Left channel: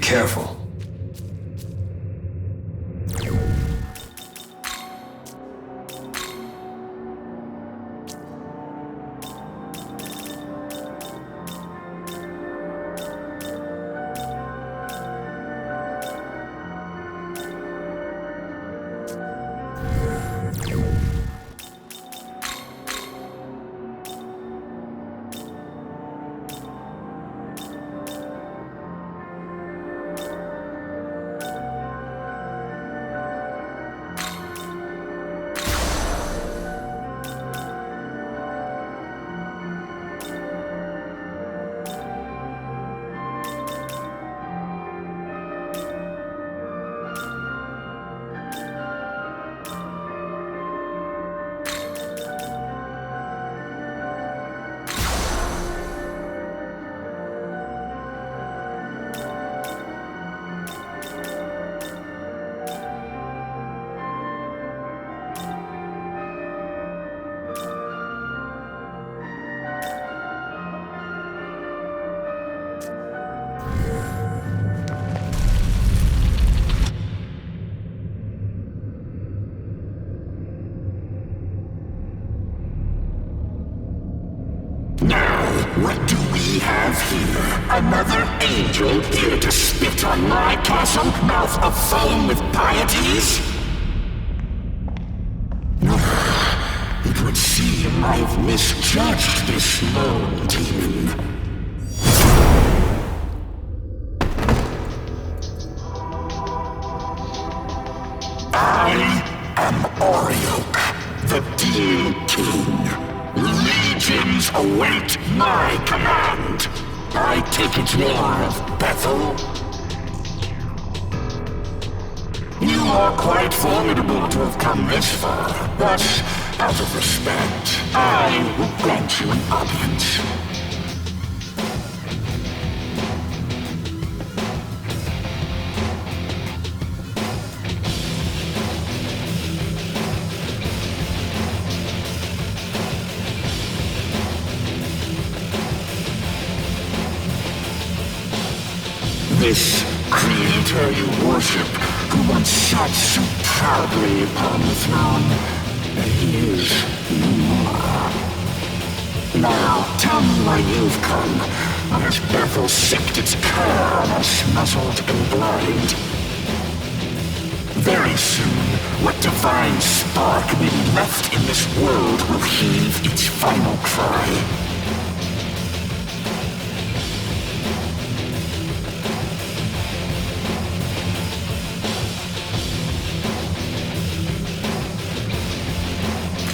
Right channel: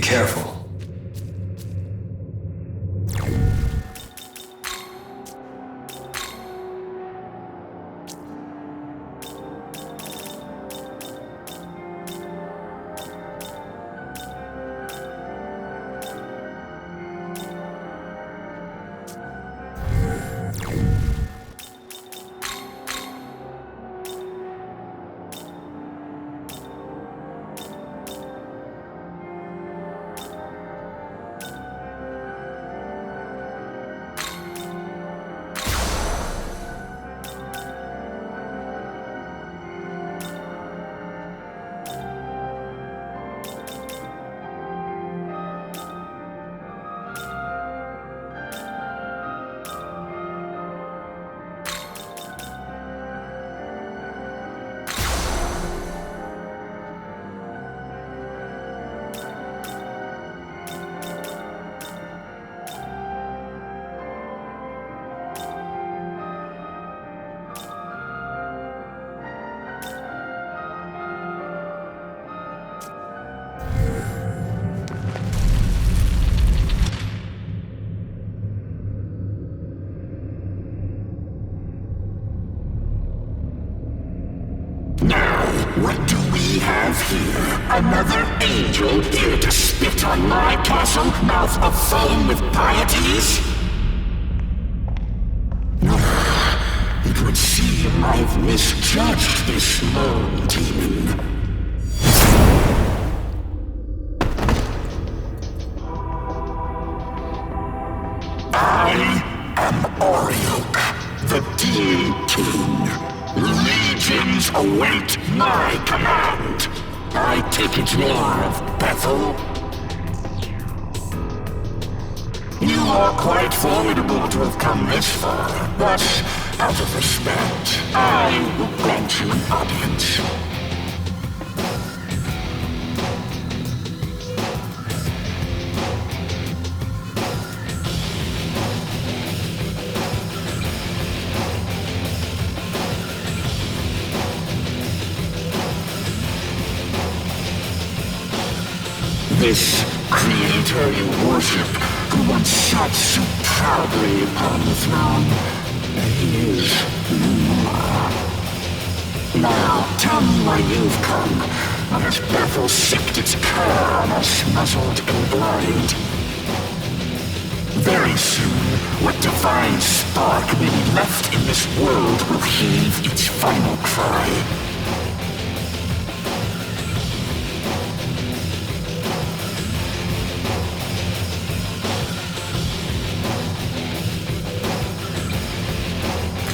careful. What do we have here? Another angel here to spit on my castle, mouth aflame with pieties? It would seem I've misjudged this lone demon. I am Orioke, the Demon King. Legions await my command. I take it you're of Bethel? You are quite formidable to have come this far, but out of respect, I will grant you an audience. This creator you worship, who once sat so proudly upon the throne, he is no more. Now, tell me why you've come, or has Bethel sicked its cur on us, muzzled and blind? Very soon, what divine spark may be left in this world will heave its final cry.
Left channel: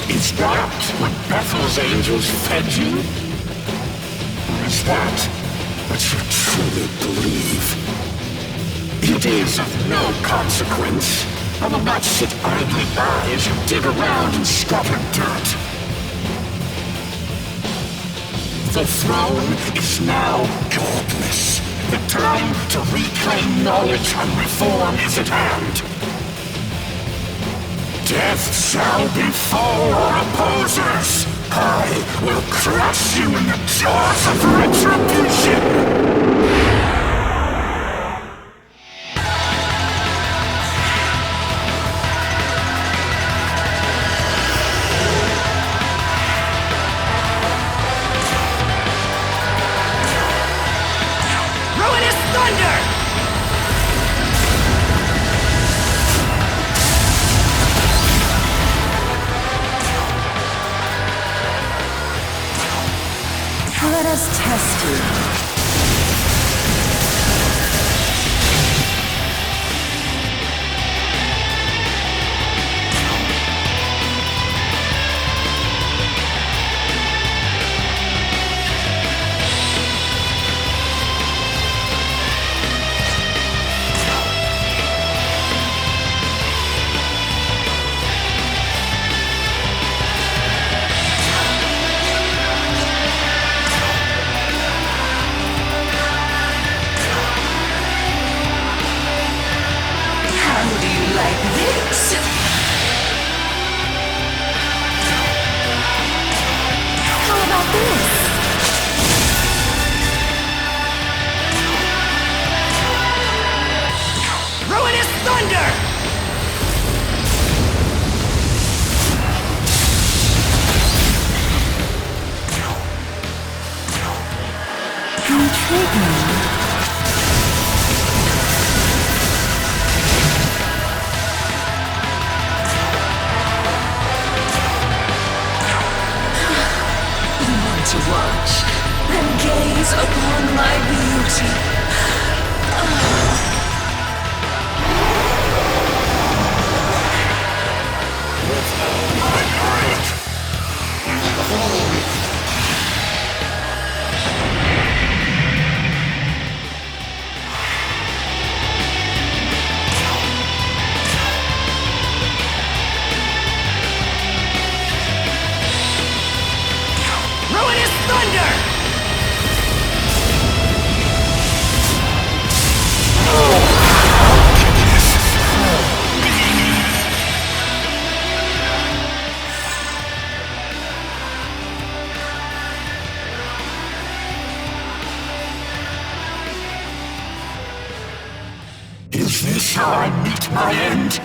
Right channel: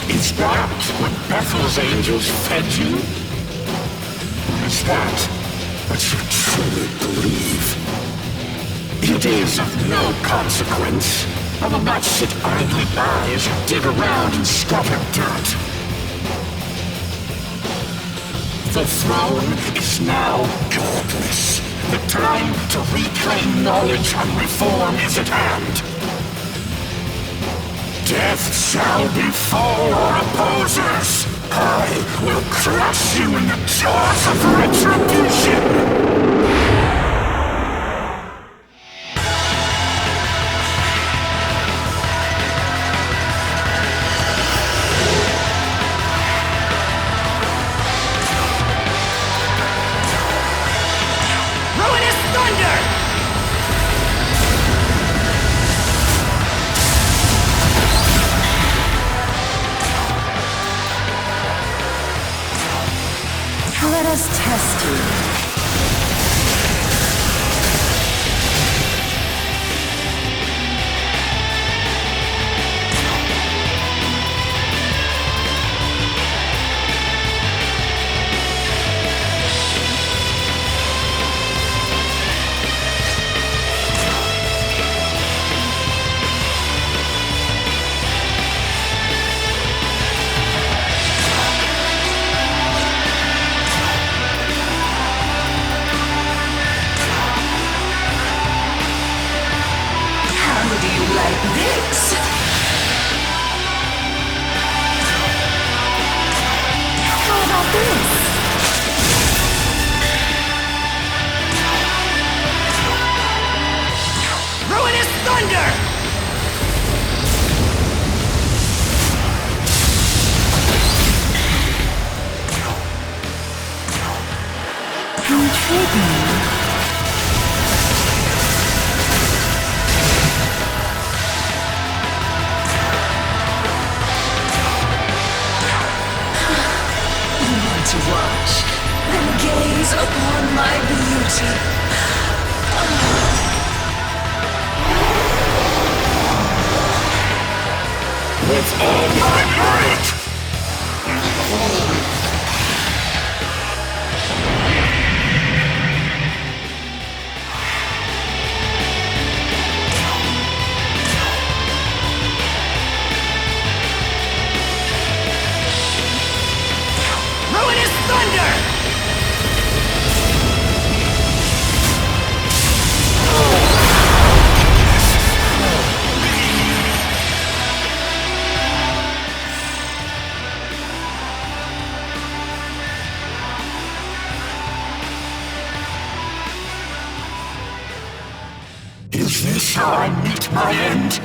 Is that what Bethel's angels fed you? Or is that what you truly believe? It is of no consequence. I will not sit idly by as you dig around in scattered dirt. The throne is now godless. The time to reclaim knowledge and reform is at hand. Death shall befall our opposers! I will crush you in the jaws of retribution! Ruinous thunder! Let us test you. to watch and gaze upon my beauty. With all my might! Ruinous thunder! Is this how I meet my end?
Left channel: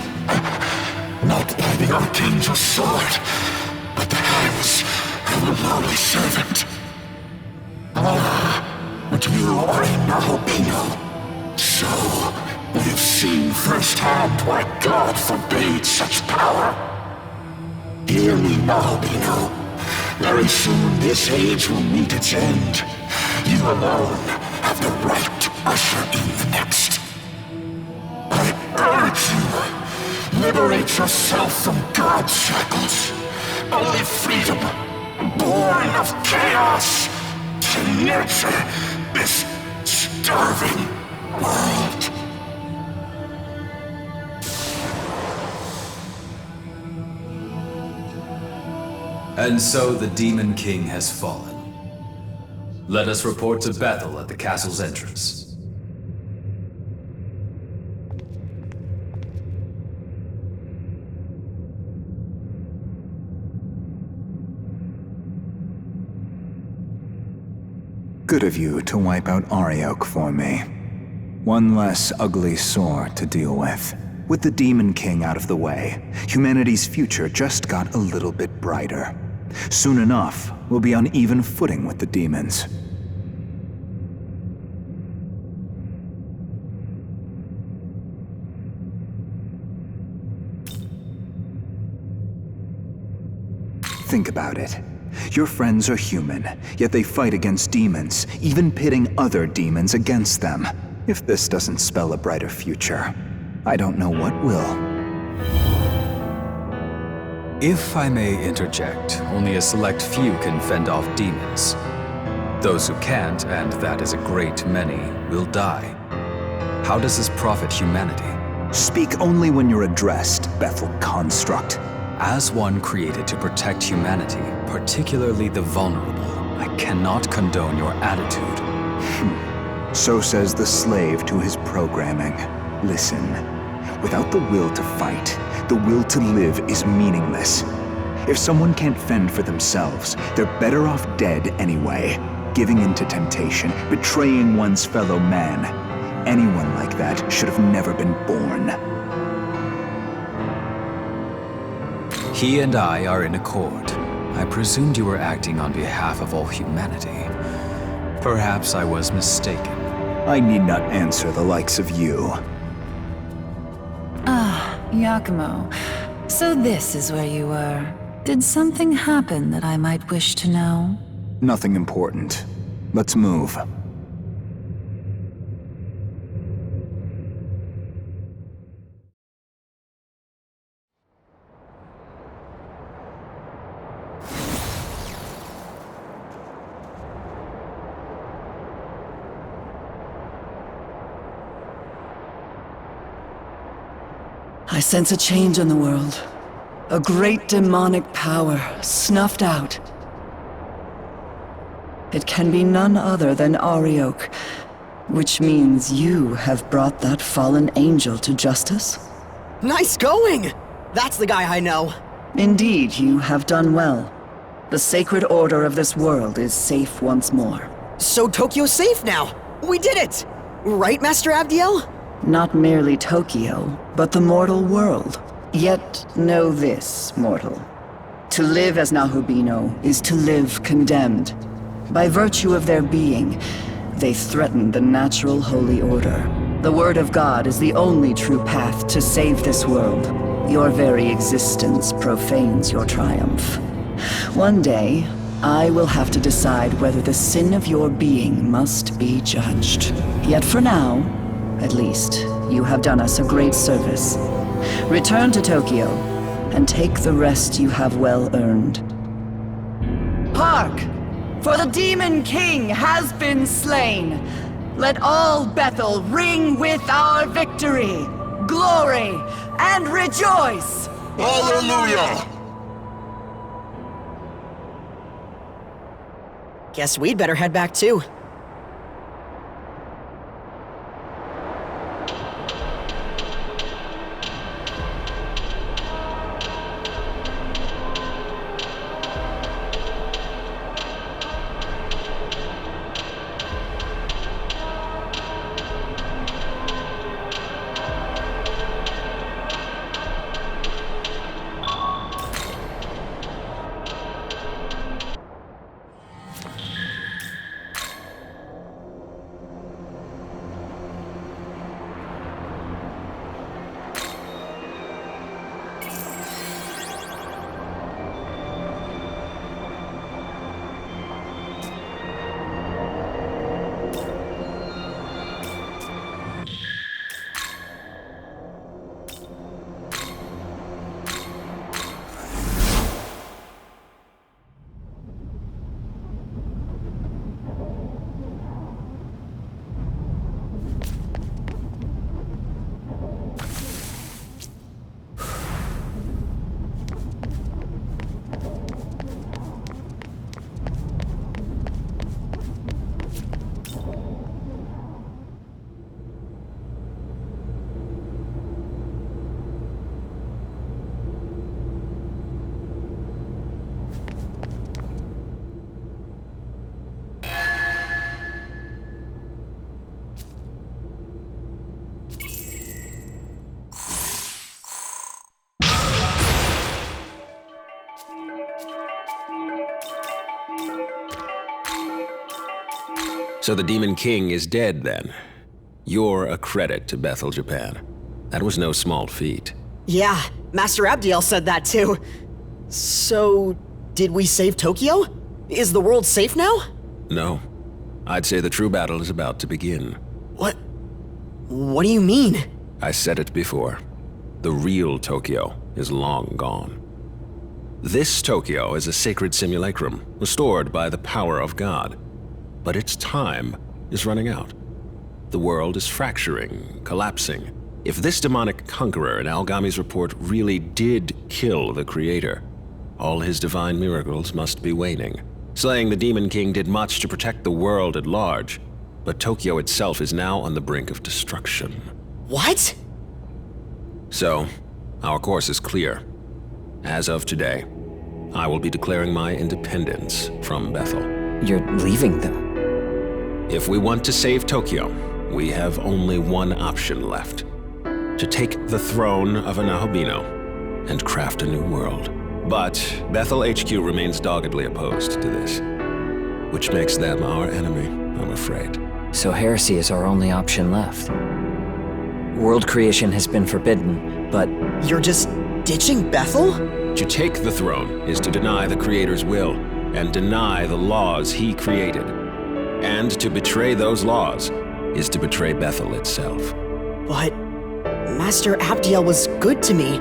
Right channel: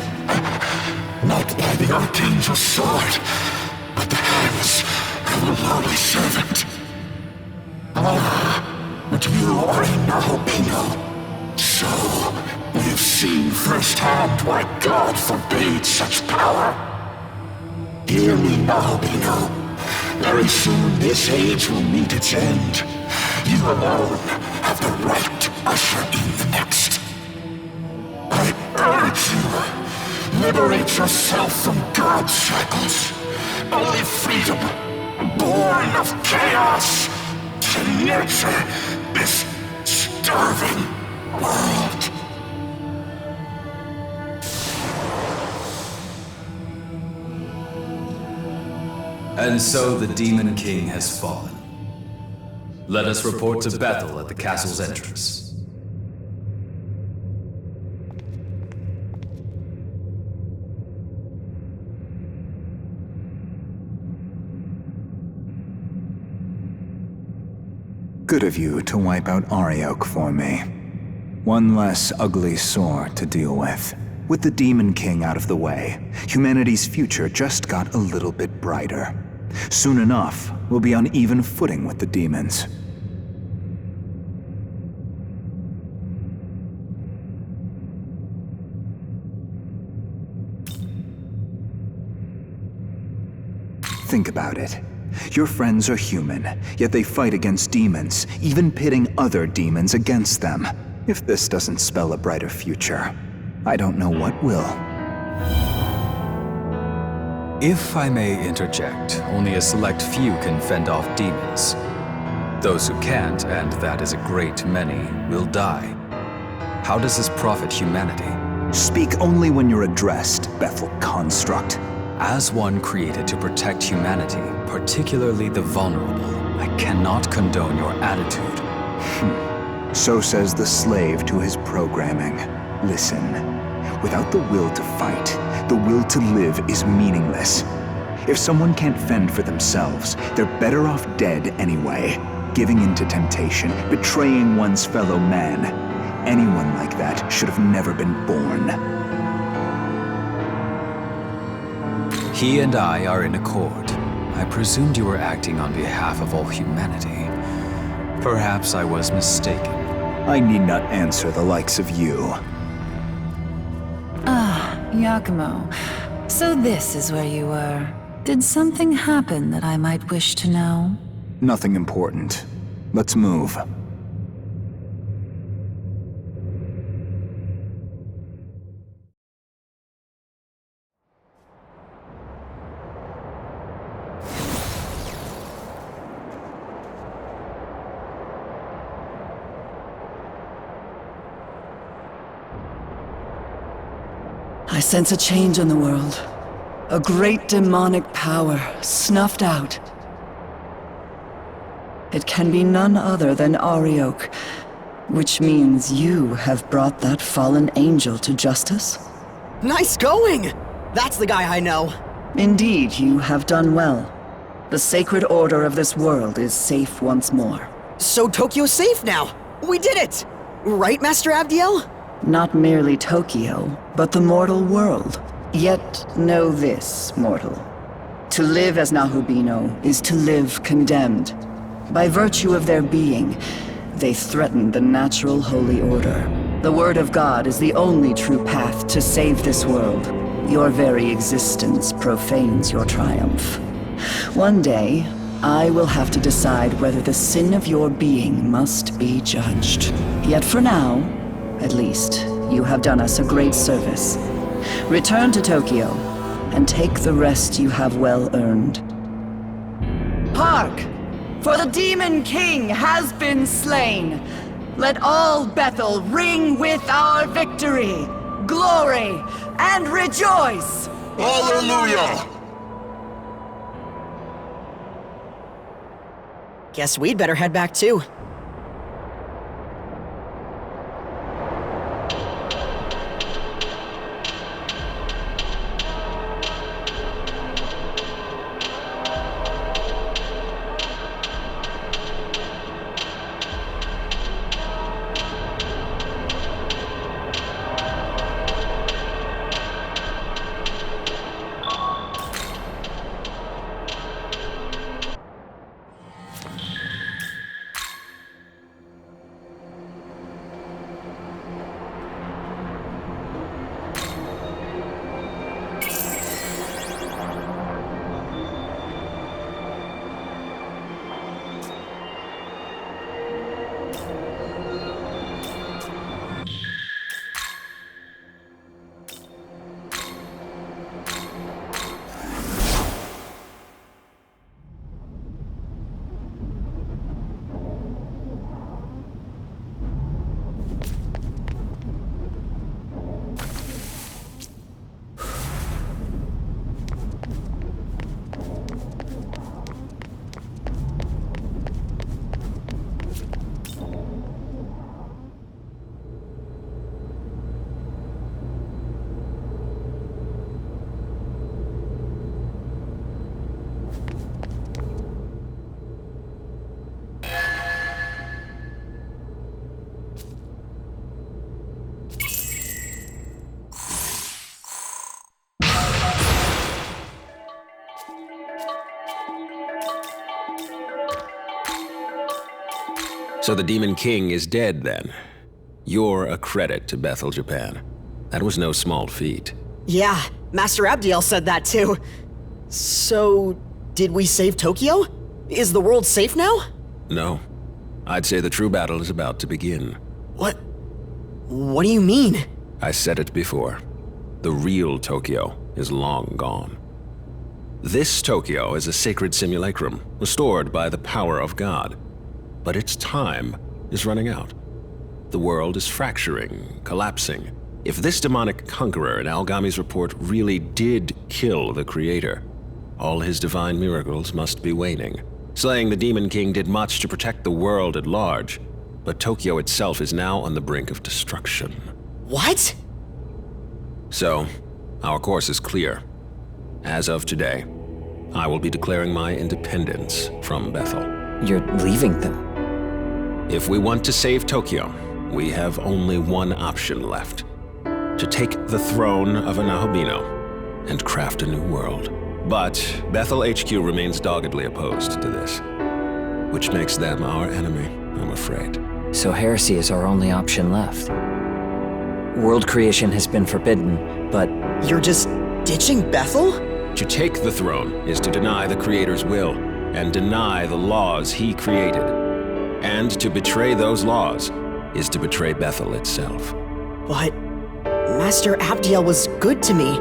Not by the Archangel's sword, but the hands of a lowly servant. But you are a Nahobino. So, we've seen firsthand why God forbade such power. Hear me, Nahobino. Very soon this age will meet its end. You alone have the right to usher in the next. I urge you, liberate yourself from God's shackles. Only freedom, born of chaos, can nurture this starving world. And so the Demon King has fallen. Let us report to Bethel at the castle's entrance. Good of you to wipe out Ariok for me. One less ugly sore to deal with. With the Demon King out of the way, humanity's future just got a little bit brighter. Soon enough, we'll be on even footing with the demons. Think about it. Your friends are human, yet they fight against demons, even pitting other demons against them. If this doesn't spell a brighter future, I don't know what will. If I may interject, only a select few can fend off demons. Those who can't, and that is a great many, will die. How does this profit humanity? Speak only when you're addressed, Bethel construct. As one created to protect humanity, particularly the vulnerable, I cannot condone your attitude. So says the slave to his programming. Listen, without the will to fight, the will to live is meaningless. If someone can't fend for themselves, they're better off dead anyway. Giving in to temptation, betraying one's fellow man. Anyone like that should have never been born. He and I are in accord. I presumed you were acting on behalf of all humanity. Perhaps I was mistaken. I need not answer the likes of you. Yakumo. So this is where you were. Did something happen that I might wish to know? Nothing important. Let's move. I sense a change in the world. A great demonic power snuffed out. It can be none other than Ariok, which means you have brought that fallen angel to justice? Nice going! That's the guy I know. Indeed, you have done well. The sacred order of this world is safe once more. So Tokyo's safe now! We did it! Right, Master Abdiel? Not merely Tokyo, but the mortal world. Yet know this, mortal. To live as Nahobino is to live condemned. By virtue of their being, they threaten the natural holy order. The word of God is the only true path to save this world. Your very existence profanes your triumph. One day, I will have to decide whether the sin of your being must be judged. Yet for now, at least, you have done us a great service. Return to Tokyo, and take the rest you have well earned. Hark! For the Demon King has been slain! Let all Bethel ring with our victory, glory, and rejoice! Hallelujah! Guess we'd better head back too. So the Demon King is dead, then. You're a credit to Bethel, Japan. That was no small feat. Yeah, Master Abdiel said that too. So, did we save Tokyo? Is the world safe now? No. I'd say the true battle is about to begin. What do you mean? I said it before. The real Tokyo is long gone. This Tokyo is a sacred simulacrum, restored by the power of God. But its time is running out. The world is fracturing, collapsing. If this demonic conqueror in Algami's report really did kill the Creator, all his divine miracles must be waning. Slaying the Demon King did much to protect the world at large, but Tokyo itself is now on the brink of destruction. What? So, our course is clear. As of today, I will be declaring my independence from Bethel. You're leaving them? If we want to save Tokyo, we have only one option left. To take the throne of Anahobino and craft a new world. But Bethel HQ remains doggedly opposed to this, which makes them our enemy, I'm afraid. So heresy is our only option left. World creation has been forbidden, but... You're just ditching Bethel? To take the throne is to deny the Creator's will and deny the laws he created. And to betray those laws is to betray Bethel itself. But Master Abdiel was good to me.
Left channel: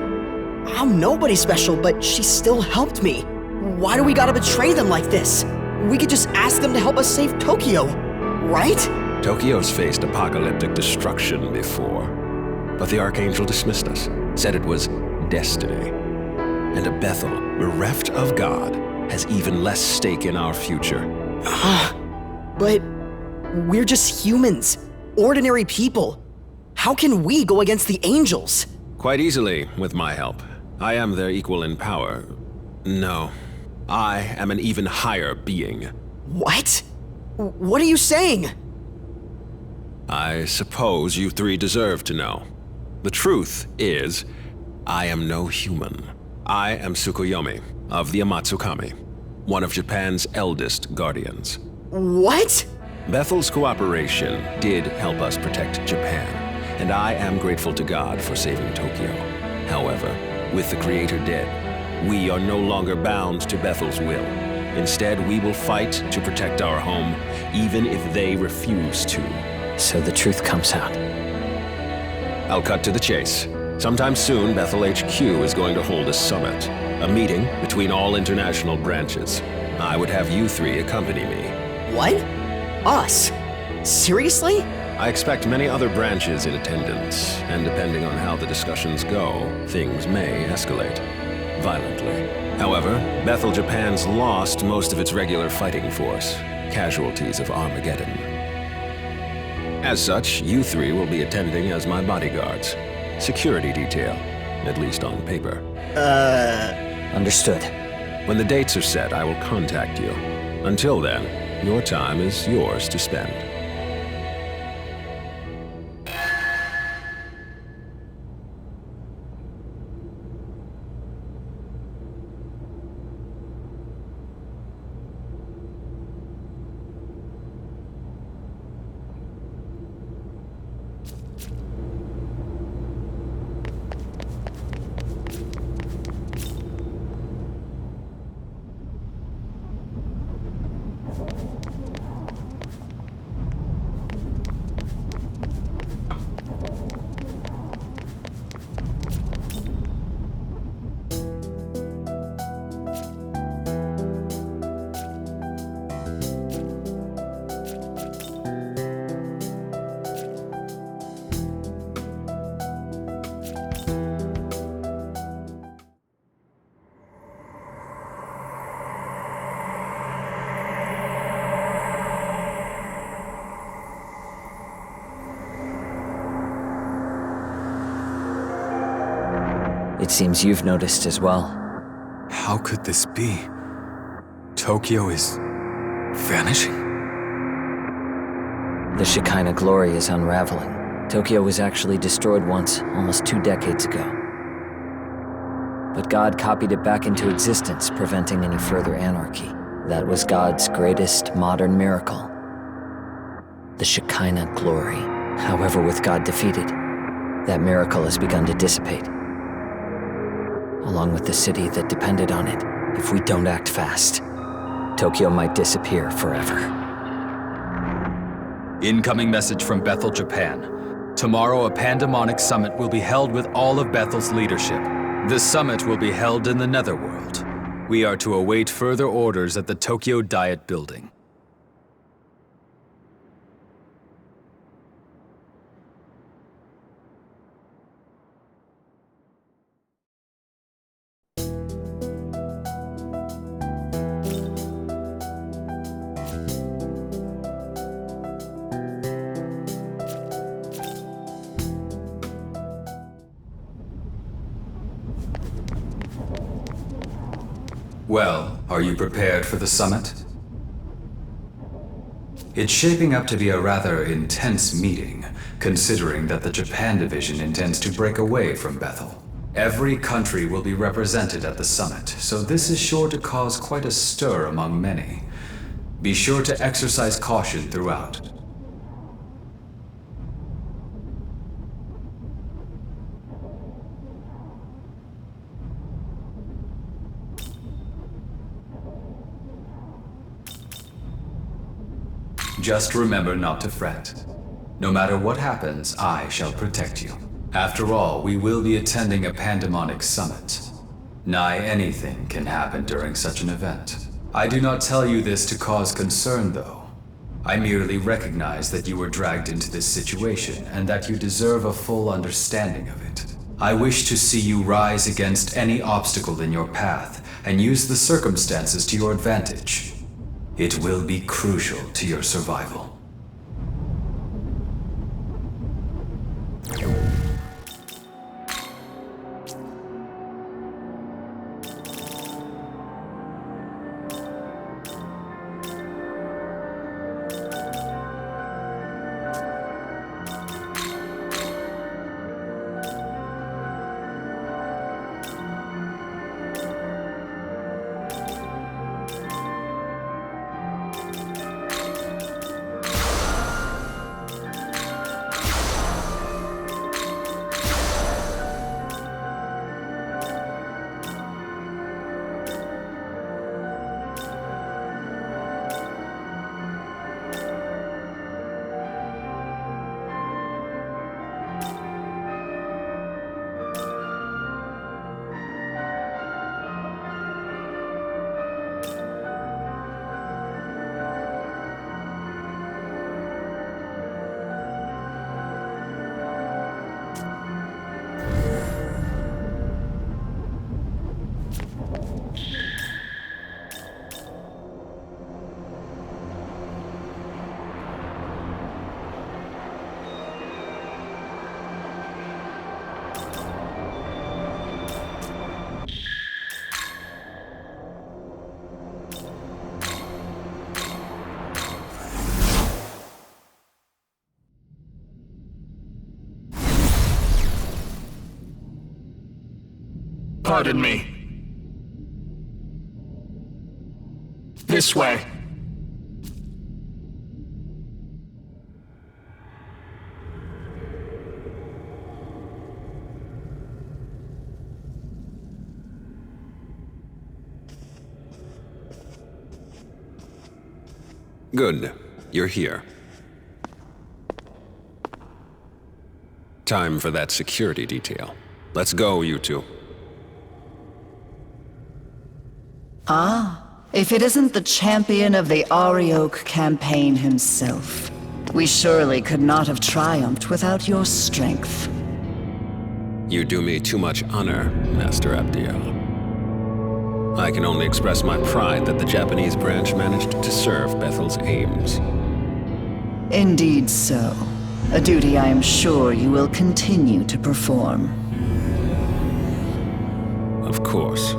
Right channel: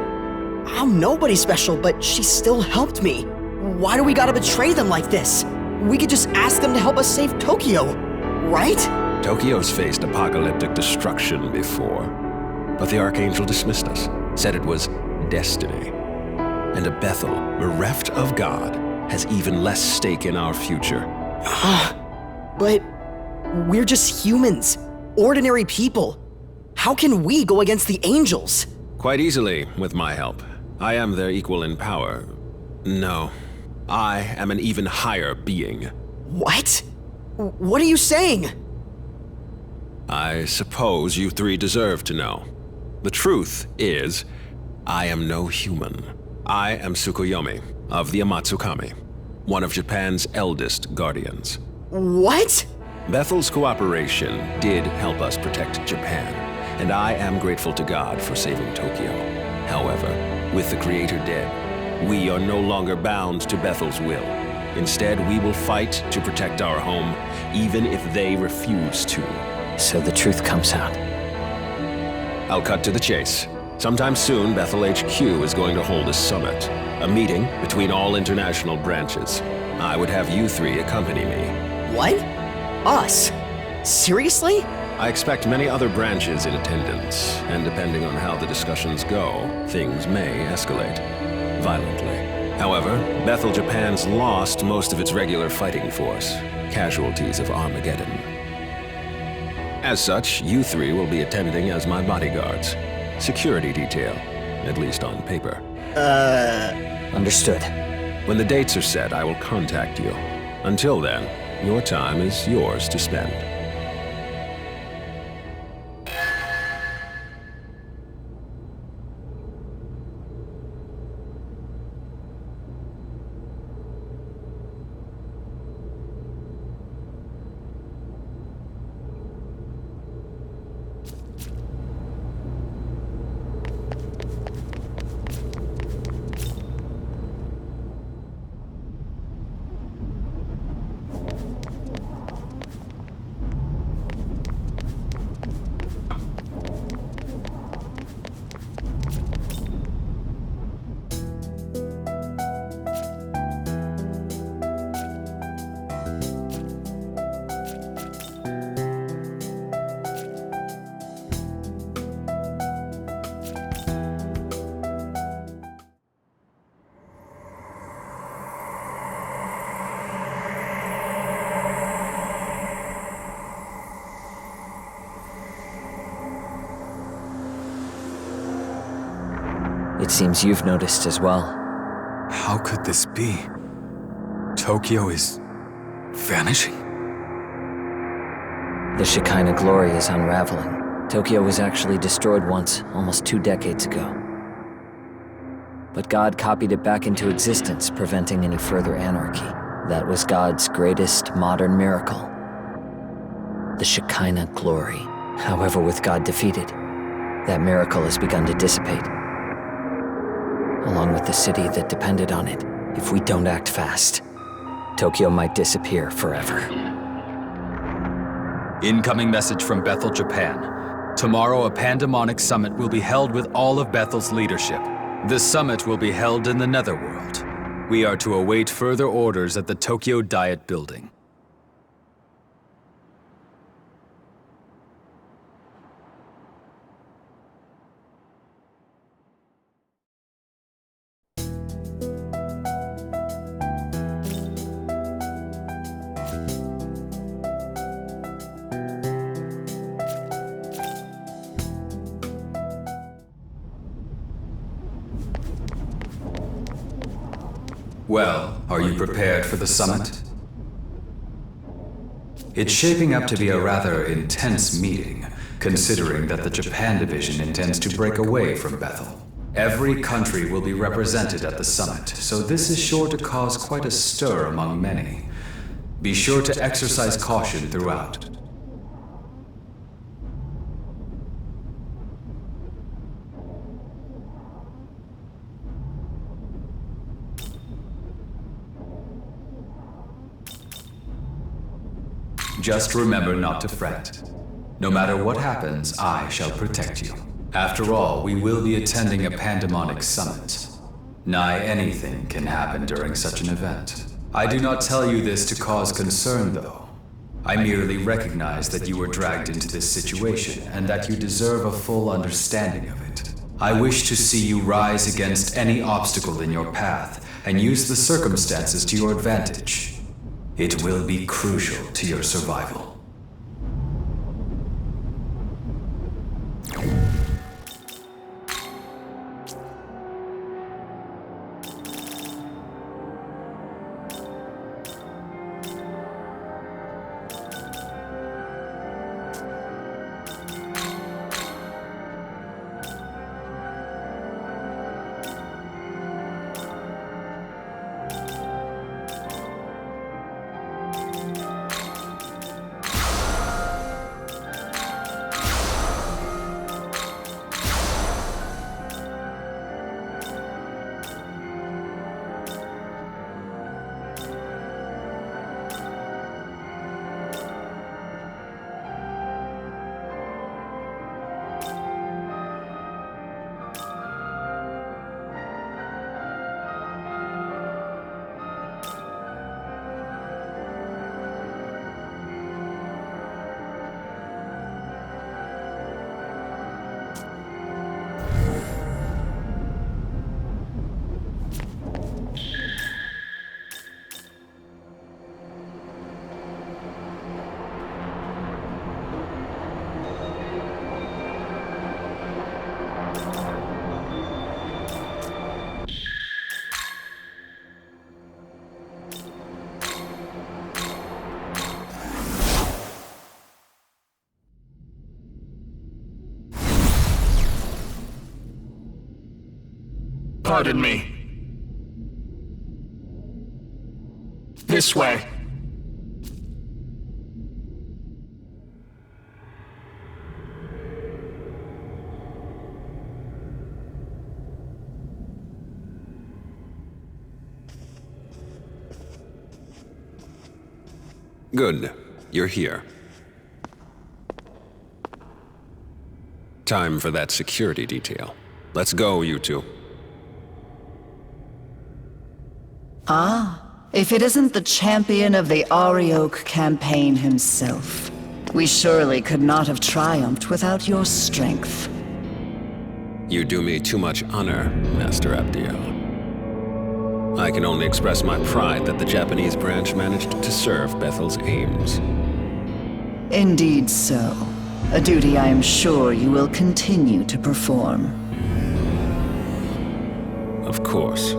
I'm nobody special, but she still helped me. Why do we gotta betray them like this? We could just ask them to help us save Tokyo, right? Tokyo's faced apocalyptic destruction before, but the Archangel dismissed us, said it was destiny. And a Bethel bereft of God has even less stake in our future. But we're just humans, ordinary people. How can we go against the angels? Quite easily, with my help. I am their equal in power. No, I am an even higher being. What? What are you saying? I suppose you three deserve to know. The truth is, I am no human. I am Tsukuyomi of the Amatsukami, one of Japan's eldest guardians. What? Bethel's cooperation did help us protect Japan, and I am grateful to God for saving Tokyo. However, with the Creator dead, we are no longer bound to Bethel's will. Instead, we will fight to protect our home, even if they refuse to. So the truth comes out. I'll cut to the chase. Sometime soon, Bethel HQ is going to hold a summit. A meeting between all international branches. I would have you three accompany me. What? Us? Seriously? I expect many other branches in attendance, and depending on how the discussions go, things may escalate violently. However, Bethel Japan's lost most of its regular fighting force, casualties of Armageddon. As such, you three will be attending as my bodyguards. Security detail, at least on paper. Understood. When the dates are set, I will contact you. Until then, your time is yours to spend. It seems you've noticed as well. How could this be? Tokyo is vanishing? The Shekinah glory is unraveling. Tokyo was actually destroyed once, almost 2 decades ago. But God copied it back into existence, preventing any further anarchy. That was God's greatest modern miracle. The Shekinah glory. However, with God defeated, that miracle has begun to dissipate. Along with the city that depended on it. If we don't act fast, Tokyo might disappear forever. Incoming message from Bethel, Japan. Tomorrow, a pandemonic summit will be held with all of Bethel's leadership. The summit will be held in the Netherworld. We are to await further orders at the Tokyo Diet Building. Well, are you prepared for the summit? It's shaping up to be a rather intense meeting, considering that the Japan division intends to break away from Bethel. Every country will be represented at the summit, so this is sure to cause quite a stir among many. Be sure to exercise caution throughout. Just remember not to fret. No matter what happens, I shall protect you. After all, we will be attending a pandemonic summit. Nigh anything can happen during such an event. I do not tell you this to cause concern, though. I merely recognize that you were dragged into this situation and that you deserve a full understanding of it. I wish to see you rise against any obstacle in your path and use the circumstances to your advantage. It will be crucial to your survival. Pardon me. This way. Good. You're here. Time for that security detail. Let's go, you two. Ah, if it isn't the champion of the Arioch campaign himself. We surely could not have triumphed without your strength. You do me too much honor, Master Abdiel. I can only express my pride that the Japanese branch managed to serve Bethel's aims. Indeed so. A duty I am sure you will continue to perform. Of course.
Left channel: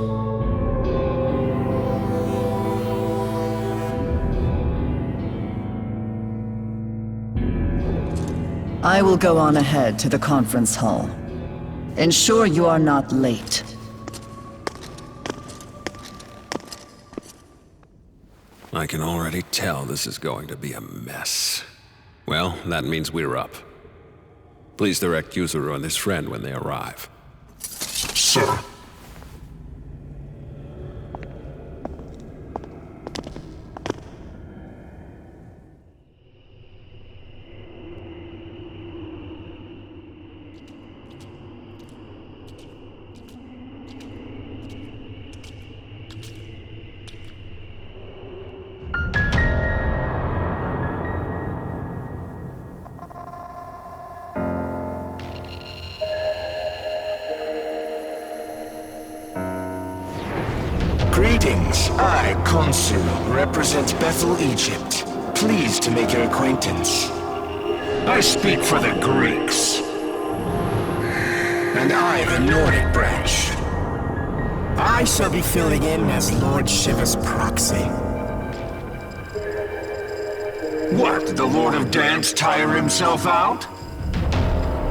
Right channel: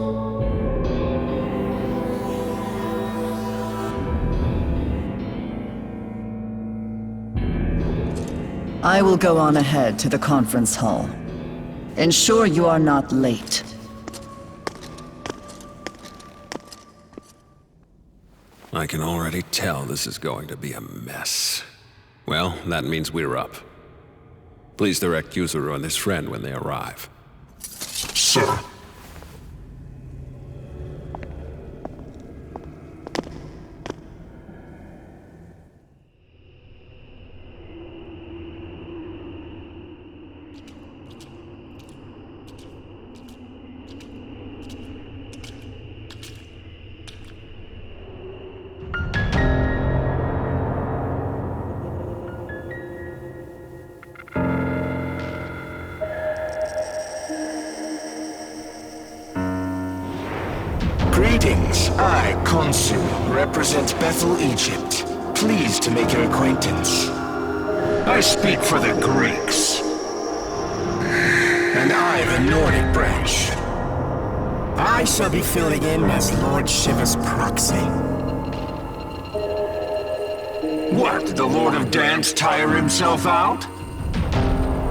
I will go on ahead to the conference hall. Ensure you are not late. I can already tell this is going to be a mess. Well, that means we're up. Please direct Yuzuru and his friend when they arrive. Sir. Greetings. I, Khonsu, represent Bethel, Egypt. Pleased to make your acquaintance. I speak for the Greeks. And I, the Nordic branch. I shall be filling in as Lord Shiva's proxy. What, the Lord of Dance tire himself out?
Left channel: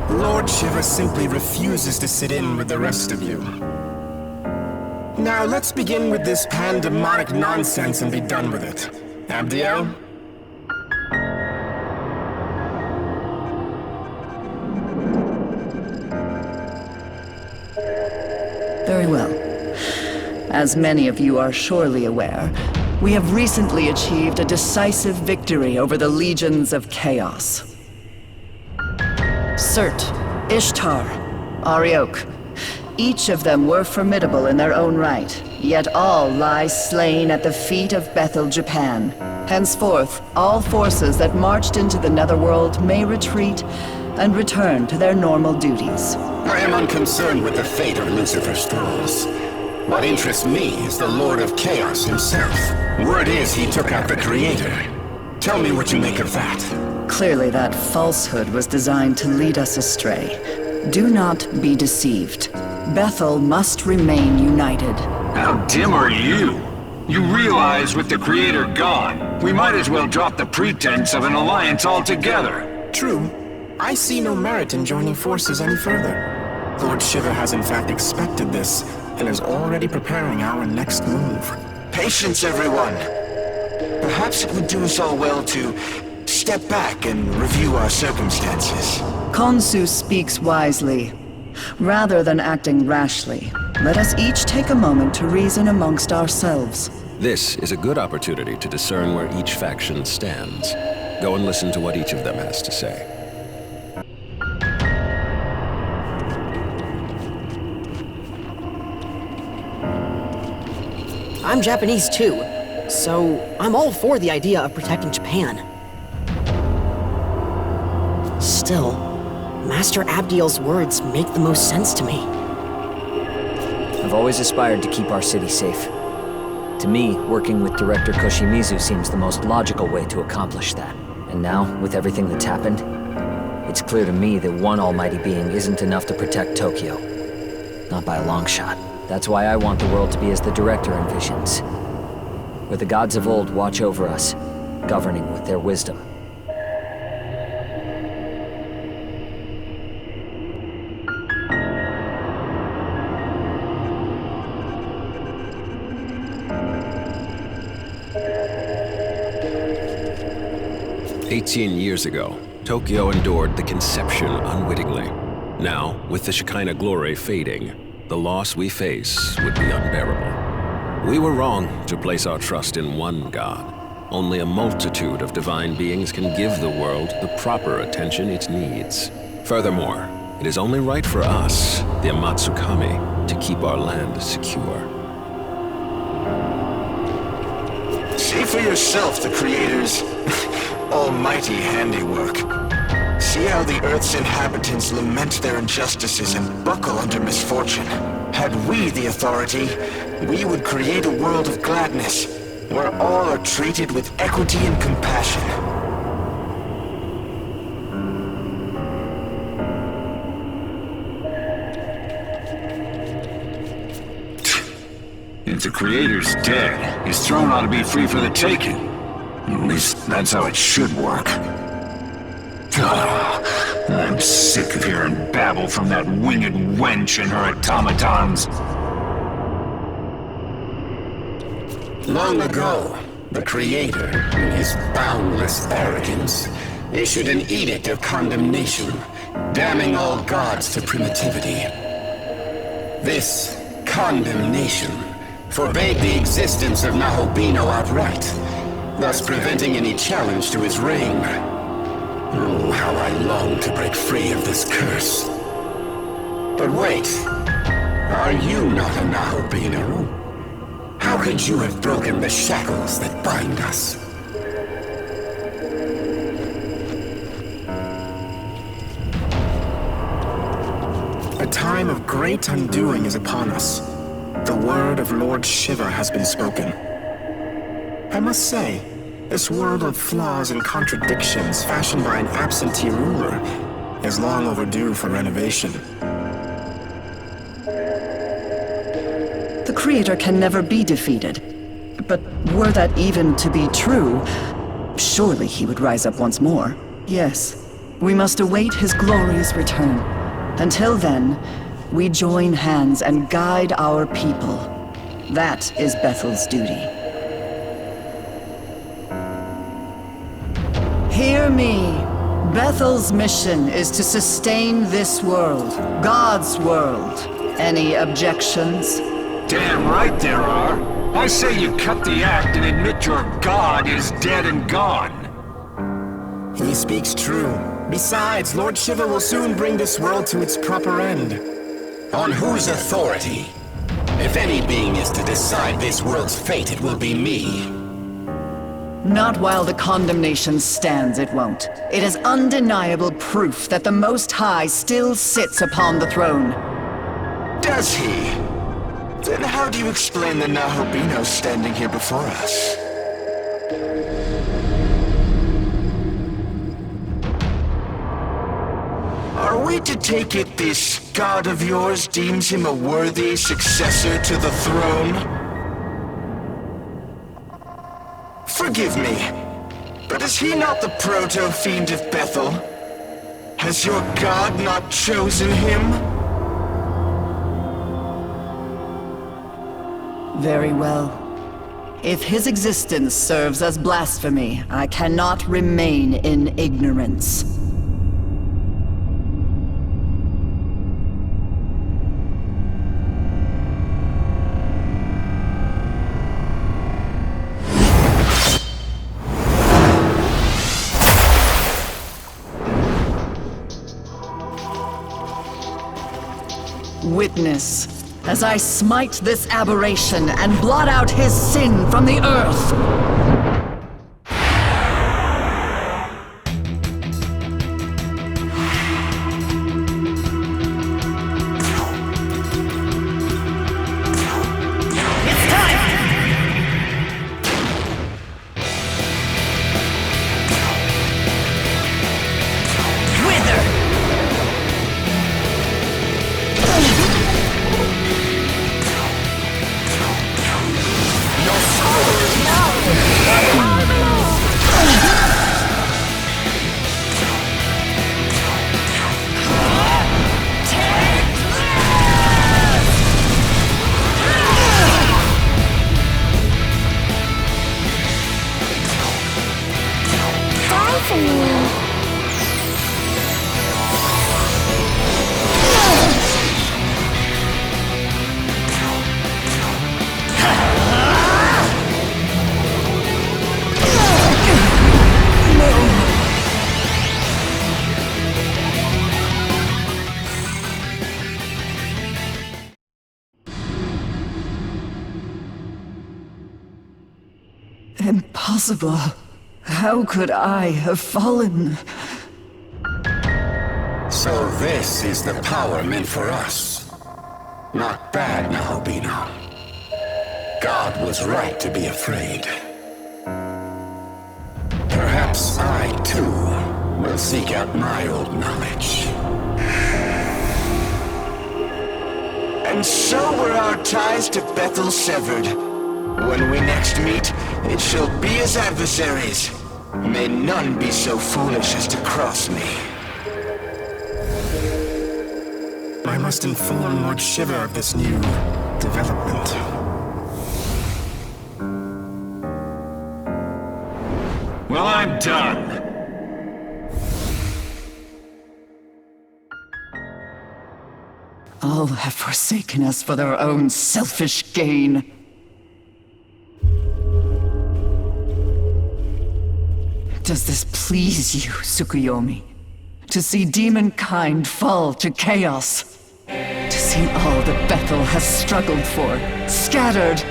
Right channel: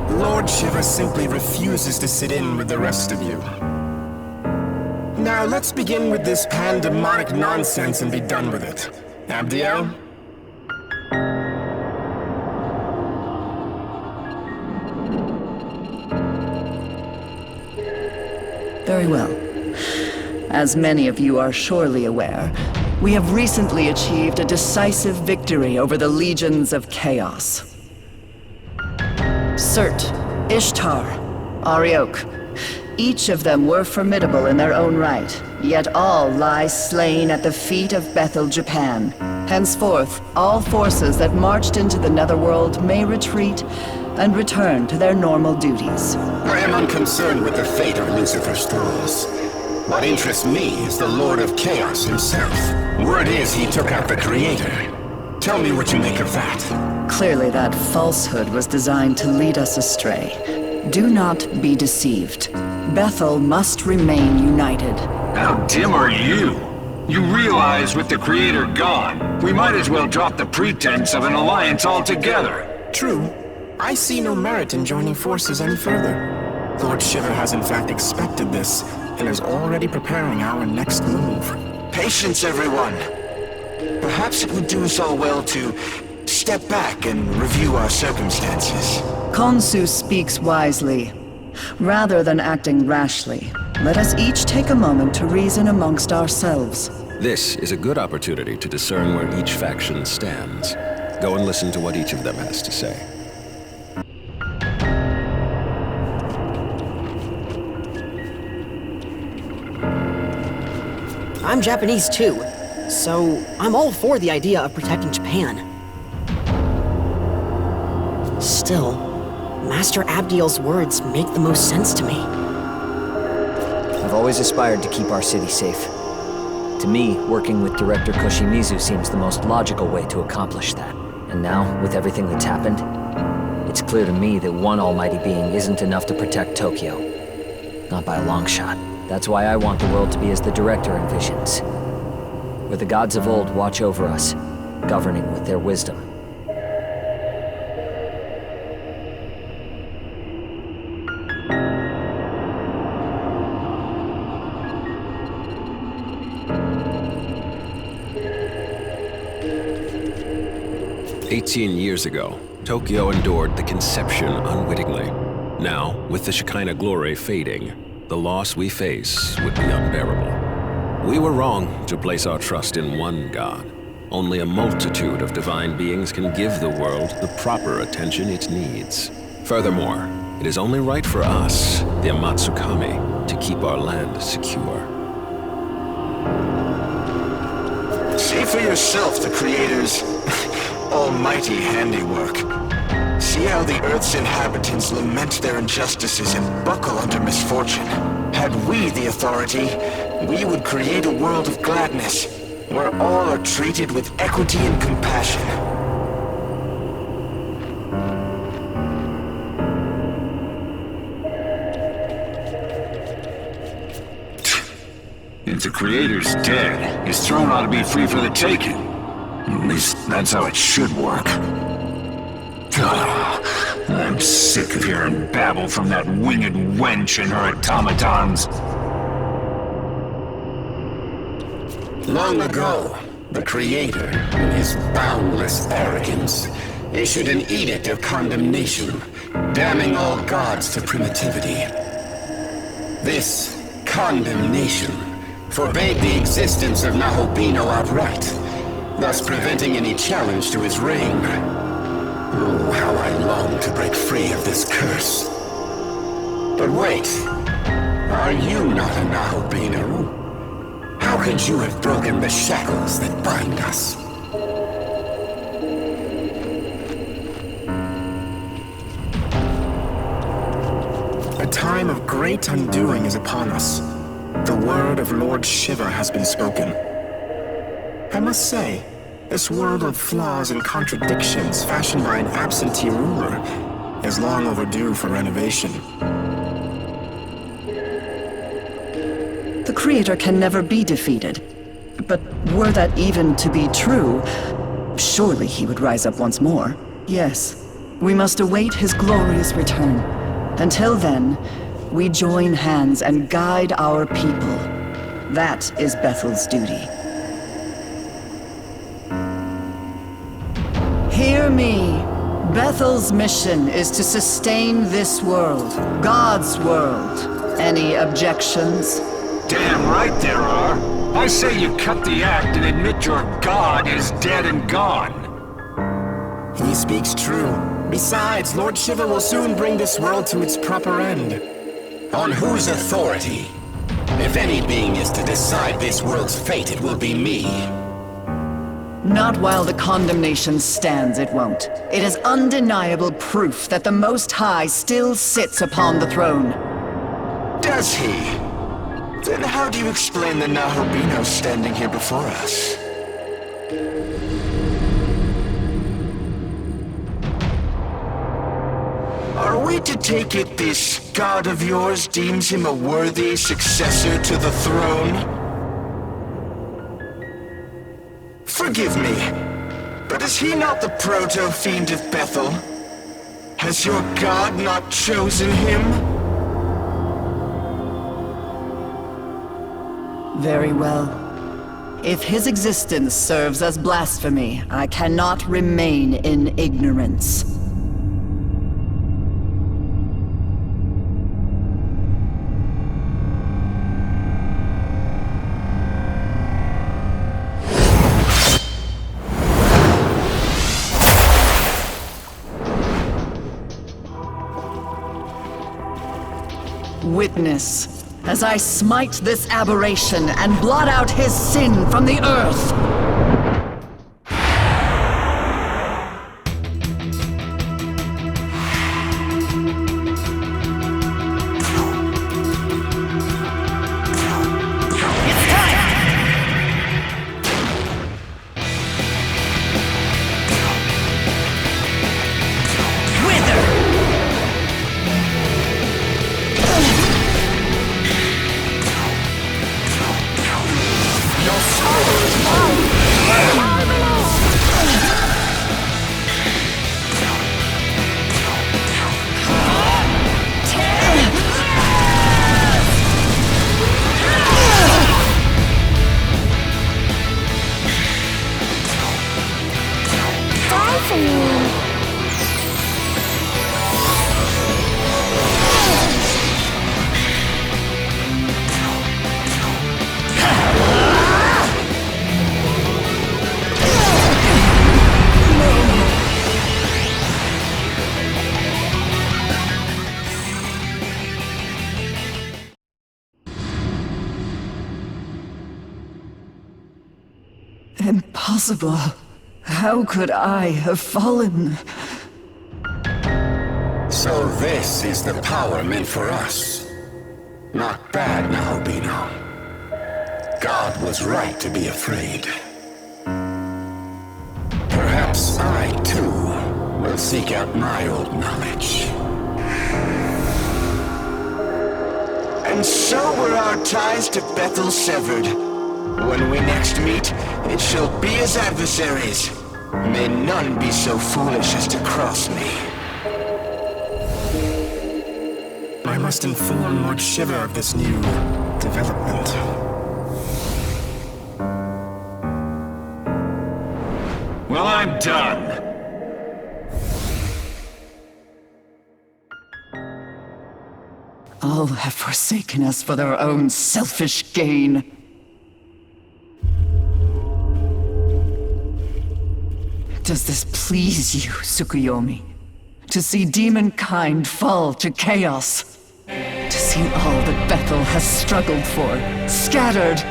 Lord Shiva simply refuses to sit in with the rest of you. Now let's begin with this pandemonic nonsense and be done with it. Abdiel? Very well. As many of you are surely aware, we have recently achieved a decisive victory over the legions of chaos. Surt, Ishtar, Arioch. Each of them were formidable in their own right, yet all lie slain at the feet of Bethel, Japan. Henceforth, all forces that marched into the Netherworld may retreat and return to their normal duties. I am unconcerned with the fate of Lucifer's thralls. What interests me is the Lord of Chaos himself. Word is he took out the Creator. Tell me what you make of that. Clearly that falsehood was designed to lead us astray. Do not be deceived. Bethel must remain united. How dim are you? You realize with the Creator gone, we might as well drop the pretense of an alliance altogether. True. I see no merit in joining forces any further. Lord Shiva has in fact expected this, and is already preparing our next move. Patience, everyone. Perhaps it would do us all well to step back and review our circumstances. Khonsu speaks wisely. Rather than acting rashly, let us each take a moment to reason amongst ourselves. This is a good opportunity to discern where each faction stands. Go and listen to what each of them has to say. I'm Japanese too, so I'm all for the idea of protecting Japan. Still, Master Abdiel's words make the most sense to me. I've always aspired to keep our city safe. To me, working with Director Koshimizu seems the most logical way to accomplish that. And now, with everything that's happened, it's clear to me that one almighty being isn't enough to protect Tokyo. Not by a long shot. That's why I want the world to be as the Director envisions. Where the gods of old watch over us, governing with their wisdom. 18 years ago, Tokyo endured the conception unwittingly. Now, with the Shekinah glory fading, the loss we face would be unbearable. We were wrong to place our trust in one God. Only a multitude of divine beings can give the world the proper attention it needs. Furthermore, it is only right for us, the Amatsukami, to keep our land secure. See for yourself the Creator's almighty handiwork. See how the Earth's inhabitants lament their injustices and buckle under misfortune. Had we the authority, we would create a world of gladness, where all are treated with equity and compassion. If the Creator's dead, his throne ought to be free for the taking. At least that's how it should work. Ugh, I'm sick of hearing babble from that winged wench and her automatons. Long ago, the Creator, in his boundless arrogance, issued an edict of condemnation, damning all gods to primitivity. This condemnation forbade the existence of Nahobino outright, thus preventing any challenge to his reign. Oh, how I long to break free of this curse. But wait, are you not a Nahobino? How could you have broken the shackles that bind us? A time of great undoing is upon us. The word of Lord Shiva has been spoken. I must say, this world of flaws and contradictions fashioned by an absentee ruler is long overdue for renovation. The Creator can never be defeated. But were that even to be true, surely he would rise up once more. Yes, we must await his glorious return. Until then, we join hands and guide our people. That is Bethel's duty. Hear me. Bethel's mission is to sustain this world, God's world. Any objections? Damn right there are. I say you cut the act and admit your god is dead and gone. He speaks true. Besides, Lord Shiva will soon bring this world to its proper end. On whose authority? If any being is to decide this world's fate, it will be me. Not while the condemnation stands, it won't. It is undeniable proof that the Most High still sits upon the throne. Does he? Then how do you explain the Nahobino standing here before us? Are we to take it this god of yours deems him a worthy successor to the throne? Forgive me, but is he not the proto-fiend of Bethel? Has your god not chosen him? Very well. If his existence serves as blasphemy, I cannot remain in ignorance. Witness, as I smite this aberration and blot out his sin from the earth. It's time! Wither! Your soul is mine! Impossible. How could I have fallen? So this is the power meant for us. Not bad, Nahobino. God was right to be afraid. Perhaps I, too, will seek out my old knowledge. And so were our ties to Bethel severed. When we next meet, it shall be as adversaries. May none be so foolish as to cross me. I must inform Lord Shiva of this new development. Well, I'm done. All have forsaken us for their own selfish gain. Does this please you, Tsukuyomi? To see demonkind fall to chaos? To see all that Bethel has struggled for, scattered?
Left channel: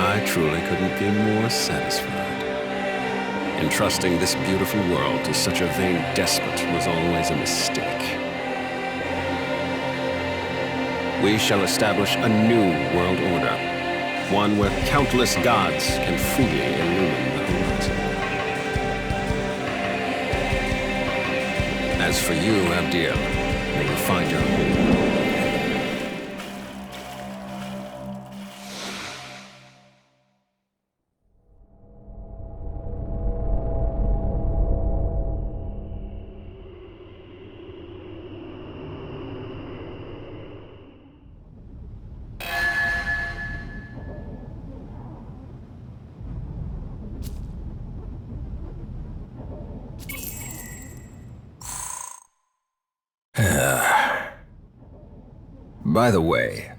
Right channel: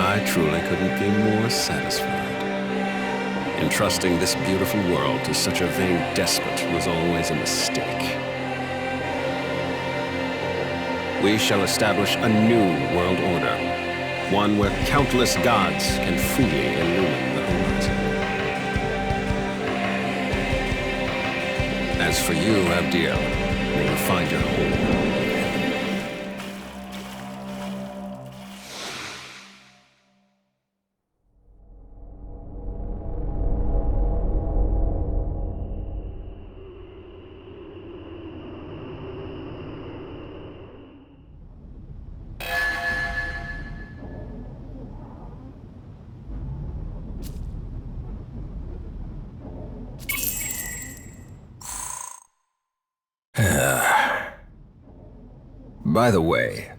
I truly couldn't be more satisfied. Entrusting this beautiful world to such a vain despot was always a mistake. We shall establish a new world order, one where countless gods can freely illumine the horizon. As for you, Abdiel, may you find your home. By the way,